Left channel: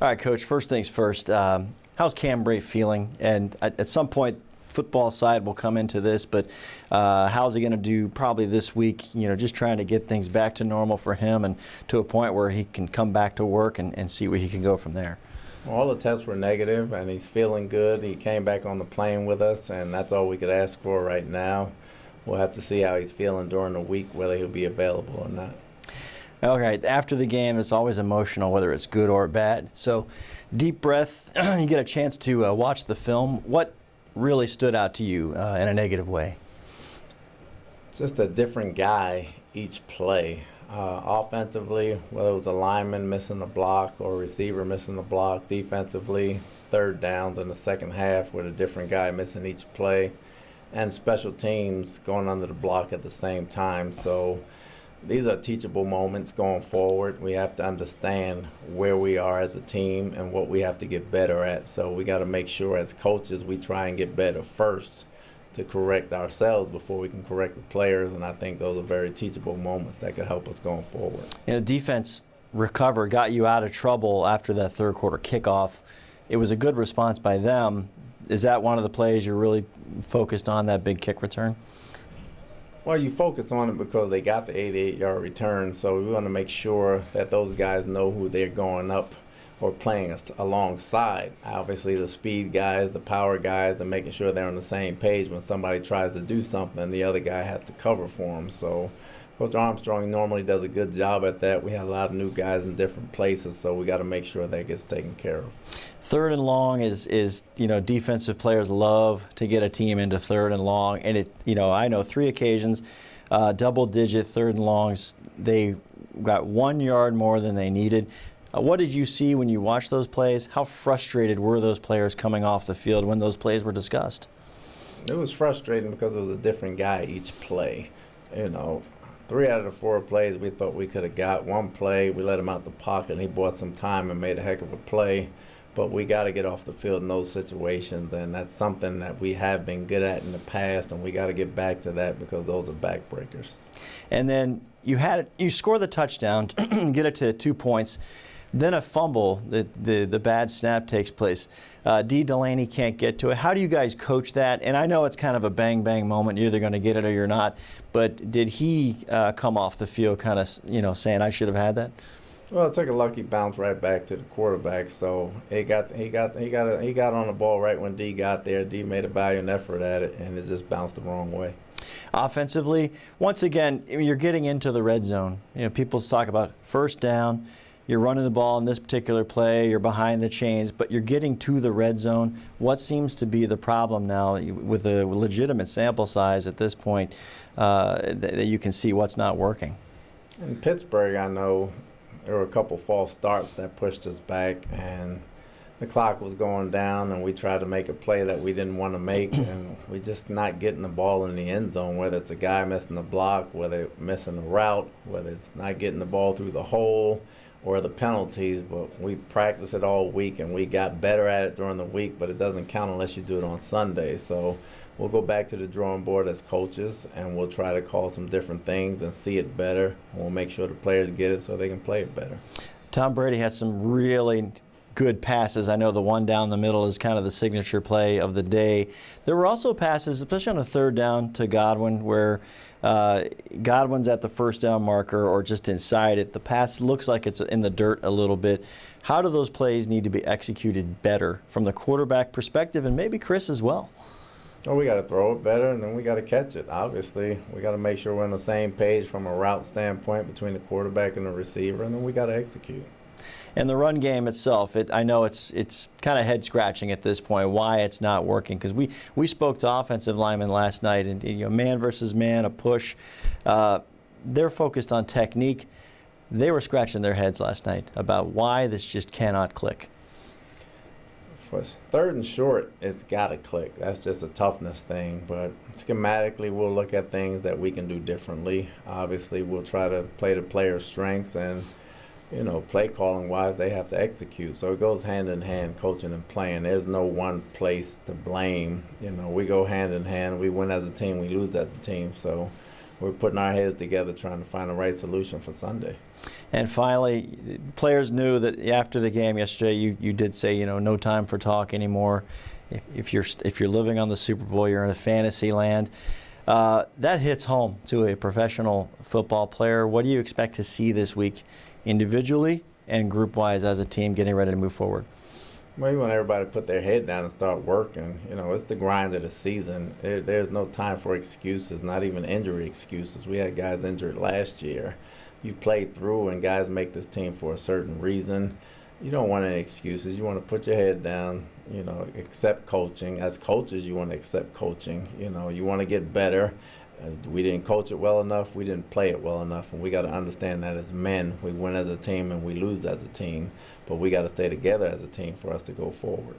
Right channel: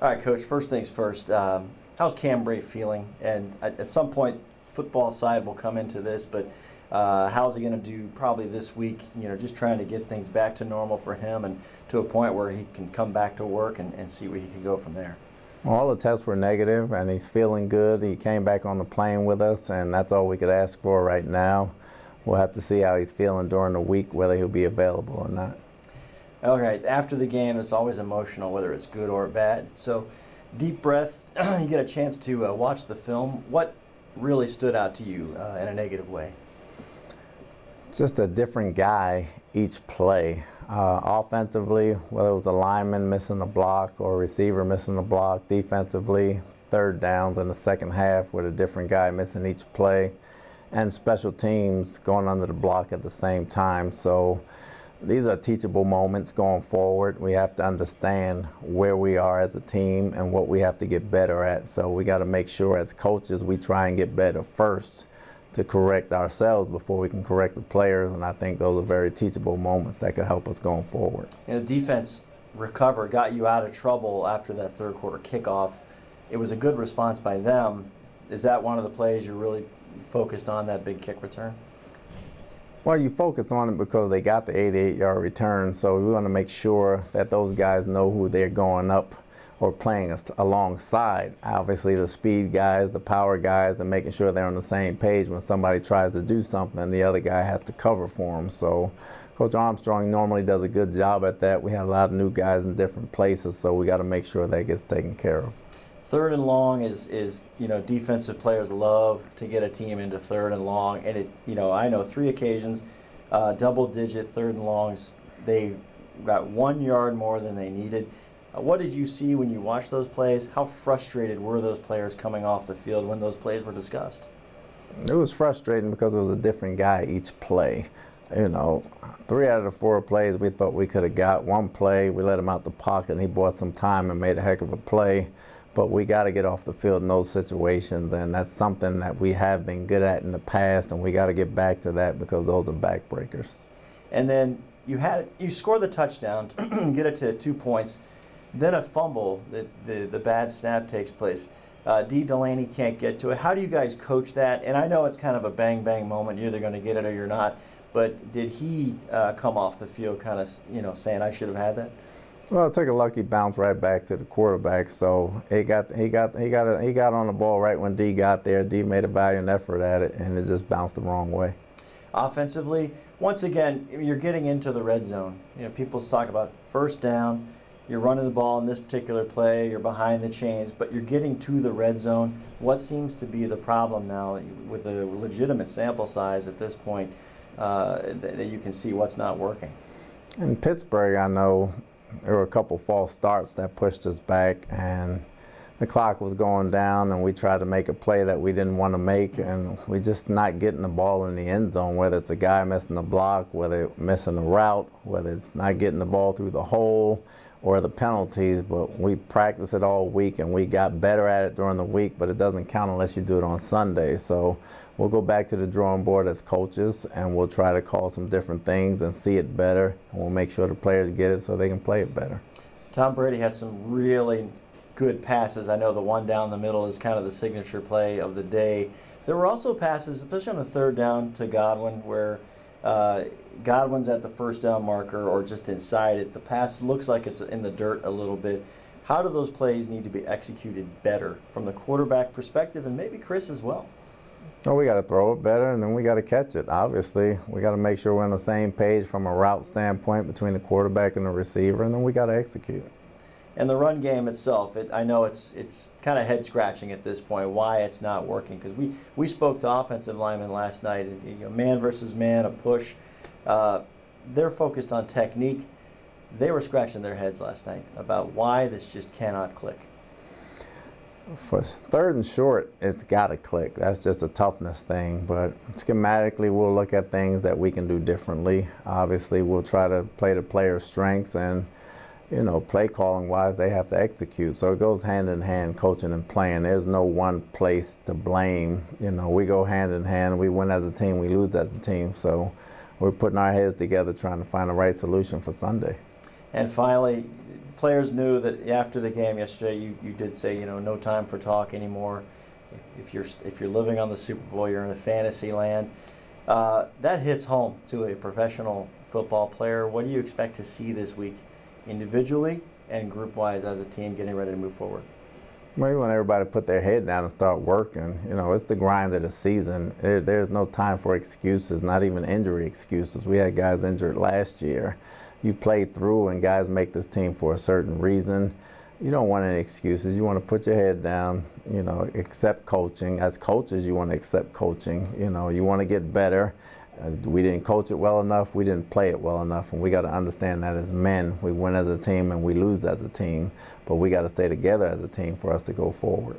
All right, Coach, first things first. How's Cam Bray feeling? And at some point, football side will come into this, but how's he going to do probably this week, just trying to get things back to normal for him and to a point where he can come back to work and see where he can go from there? Well, all the tests were negative, and he's feeling good. He came back on the plane with us, and that's all we could ask for right now. We'll have to see how he's feeling during the week, whether he'll be available or not. All right, after the game, it's always emotional, whether it's good or bad. So, deep breath, you get a chance to watch the film. What really stood out to you in a negative way? Just a different guy each play. Offensively, whether it was a lineman missing a block or a receiver missing a block, defensively, third downs in the second half with a different guy missing each play, and special teams going under the block at the same time. So these are teachable moments going forward. We have to understand where we are as a team and what we have to get better at. So we got to make sure as coaches we try and get better first to correct ourselves before we can correct the players, and I think those are very teachable moments that could help us going forward. Defense recovered, got you out of trouble after that third quarter kickoff. It was a good response by them. Is that one of the plays you're really focused on, that big kick return? Well, you focus on it because they got the 88-yard return, so we want to make sure that those guys know who they're going up or playing alongside. Obviously, the speed guys, the power guys, and making sure they're on the same page when somebody tries to do something, the other guy has to cover for them. So Coach Armstrong normally does a good job at that. We have a lot of new guys in different places, so we got to make sure that gets taken care of. Third and long is defensive players love to get a team into third and long, and I know 3 occasions, double-digit third and longs, they got 1 yard more than they needed. What did you see when you watched those plays? How frustrated were those players coming off the field when those plays were discussed? It was frustrating because it was a different guy each play. 3 out of the 4 plays we thought we could have got. One play, we let him out the pocket, and he bought some time and made a heck of a play. But we got to get off the field in those situations, and that's something that we have been good at in the past, and we got to get back to that because those are backbreakers. And then you score the touchdown, get it to 2 points. Then a fumble, the bad snap takes place. D. Delaney can't get to it. How do you guys coach that? And I know it's kind of a bang-bang moment. You're either going to get it or you're not. But did he come off the field kind of, saying, I should have had that? Well, it took a lucky bounce right back to the quarterback. So he got on the ball right when D got there. D made a valiant effort at it, and it just bounced the wrong way. Offensively, once again, you're getting into the red zone. People talk about first down. You're running the ball in this particular play, you're behind the chains, but you're getting to the red zone. What seems to be the problem now with a legitimate sample size at this point that you can see what's not working? In Pittsburgh, I know there were a couple false starts that pushed us back, and the clock was going down, and we tried to make a play that we didn't want to make, and we're just not getting the ball in the end zone, whether it's a guy missing the block, whether it's missing the route, whether it's not getting the ball through the hole, or the penalties. But we practiced it all week, and we got better at it during the week, but it doesn't count unless you do it on Sunday. So we'll go back to the drawing board as coaches, and we'll try to call some different things and see it better, and we'll make sure the players get it so they can play it better. Tom Brady has some really good passes. I know the one down the middle is kind of the signature play of the day. There were also passes, especially on the third down to Godwin, where Godwin's at the first down marker or just inside it. The pass looks like it's in the dirt a little bit. How do those plays need to be executed better from the quarterback perspective, and maybe Chris as well? Well, we got to throw it better, and then we got to catch it. Obviously, we got to make sure we're on the same page from a route standpoint between the quarterback and the receiver, and then we got to execute. And the run game itself, I know it's kind of head-scratching at this point why it's not working, because we spoke to offensive linemen last night, and man versus man, a push. They're focused on technique. They were scratching their heads last night about why this just cannot click. For third and short, it's got to click. That's just a toughness thing. But schematically, we'll look at things that we can do differently. Obviously, we'll try to play the player's strengths, and play calling wise, they have to execute. So it goes hand in hand, coaching and playing. There's no one place to blame. We go hand in hand. We win as a team, we lose as a team. So we're putting our heads together trying to find the right solution for Sunday. And finally, players knew that after the game yesterday, you did say, no time for talk anymore. If you're living on the Super Bowl, you're in a fantasy land. That hits home to a professional football player. What do you expect to see this week, individually and group-wise, as a team getting ready to move forward? Well, you want everybody to put their head down and start working. It's the grind of the season. There's no time for excuses, not even injury excuses. We had guys injured last year. You play through, and guys make this team for a certain reason. You don't want any excuses. You want to put your head down, accept coaching. As coaches, you want to accept coaching. You want to get better. We didn't coach it well enough. We didn't play it well enough. And we got to understand that as men, we win as a team and we lose as a team. But we got to stay together as a team for us to go forward.